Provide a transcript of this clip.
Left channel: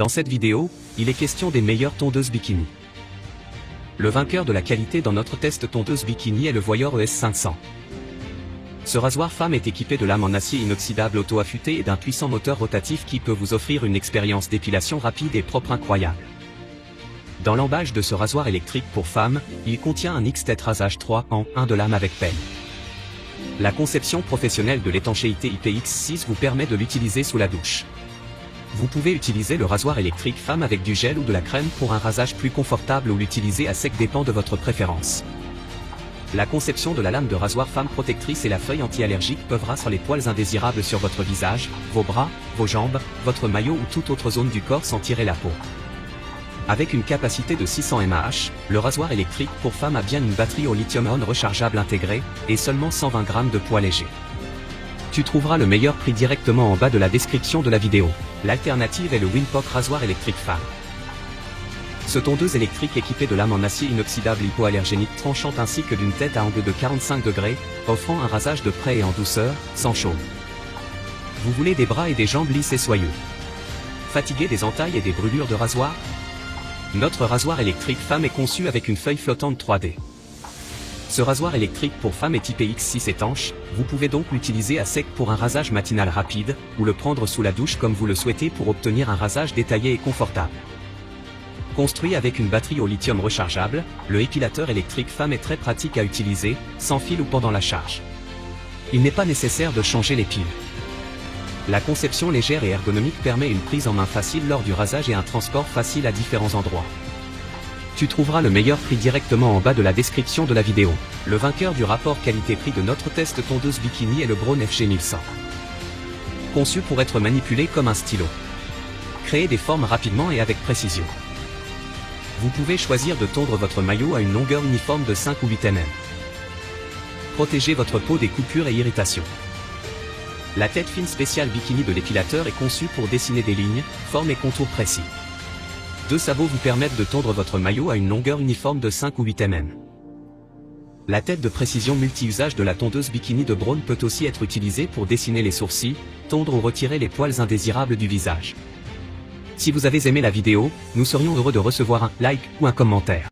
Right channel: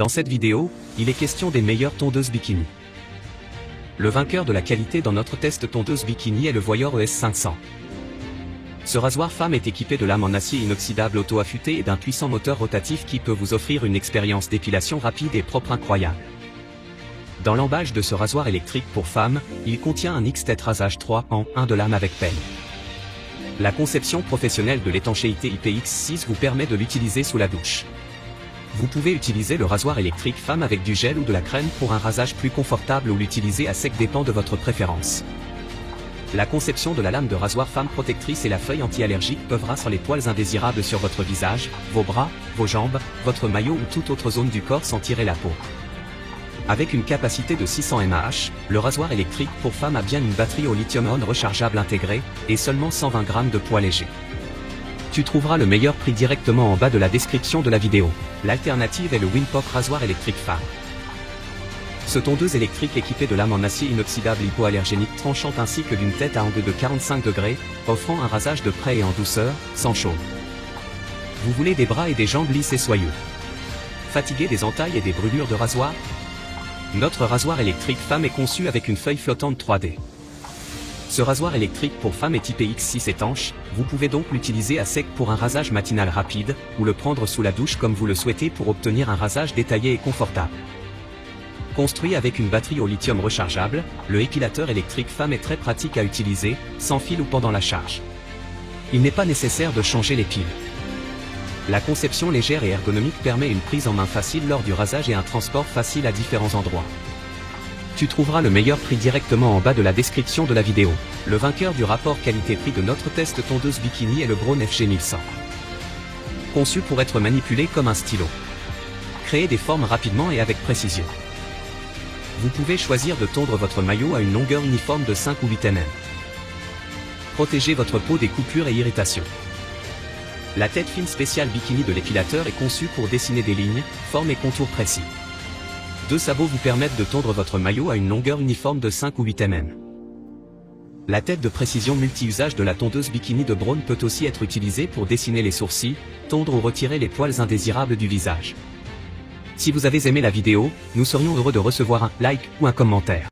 Dans cette vidéo, il est question des meilleures tondeuses bikini. Le vainqueur de la qualité dans notre test tondeuse bikini est le Voyeur ES500. Ce rasoir femme est équipé de lames en acier inoxydable auto-affûté et d'un puissant moteur rotatif qui peut vous offrir une expérience d'épilation rapide et propre incroyable. Dans l'emballage de ce rasoir électrique pour femmes, il contient un X-Tet Rasage 3 en 1 de lame avec peigne. La conception professionnelle de l'étanchéité IPX6 vous permet de l'utiliser sous la douche. Vous pouvez utiliser le rasoir électrique femme avec du gel ou de la crème pour un rasage plus confortable ou l'utiliser à sec dépend de votre préférence. La conception de la lame de rasoir femme protectrice et la feuille anti-allergique peuvent rincer les poils indésirables sur votre visage, vos bras, vos jambes, votre maillot ou toute autre zone du corps sans tirer la peau. Avec une capacité de 600 mAh, le rasoir électrique pour femme a bien une batterie au lithium-ion rechargeable intégrée et seulement 120 g de poids léger. Tu trouveras le meilleur prix directement en bas de la description de la vidéo. L'alternative est le Wilcock rasoir électrique femme. Ce tondeuse électrique équipé de lames en acier inoxydable hypoallergénique tranchant ainsi que d'une tête à angle de 45 degrés, offrant un rasage de près et en douceur, sans chaud. Vous voulez des bras et des jambes lisses et soyeux? Fatigué des entailles et des brûlures de rasoir? Notre rasoir électrique femme est conçu avec une feuille flottante 3D. Ce rasoir électrique pour femme est IPX6 étanche, vous pouvez donc l'utiliser à sec pour un rasage matinal rapide, ou le prendre sous la douche comme vous le souhaitez pour obtenir un rasage détaillé et confortable. Construit avec une batterie au lithium rechargeable, le épilateur électrique femme est très pratique à utiliser, sans fil ou pendant la charge. Il n'est pas nécessaire de changer les piles. La conception légère et ergonomique permet une prise en main facile lors du rasage et un transport facile à différents endroits. Tu trouveras le meilleur prix directement en bas de la description de la vidéo. Le vainqueur du rapport qualité-prix de notre test tondeuse bikini est le Braun FG1100. Conçu pour être manipulé comme un stylo. Créer des formes rapidement et avec précision. Vous pouvez choisir de tondre votre maillot à une longueur uniforme de 5 ou 8 mm. Protégez votre peau des coupures et irritations. La tête fine spéciale bikini de l'épilateur est conçue pour dessiner des lignes, formes et contours précis. Deux sabots vous permettent de tondre votre maillot à une longueur uniforme de 5 ou 8 mm. La tête de précision multi-usage de la tondeuse bikini de Braun peut aussi être utilisée pour dessiner les sourcils, tondre ou retirer les poils indésirables du visage. Si vous avez aimé la vidéo, nous serions heureux de recevoir un like ou un commentaire.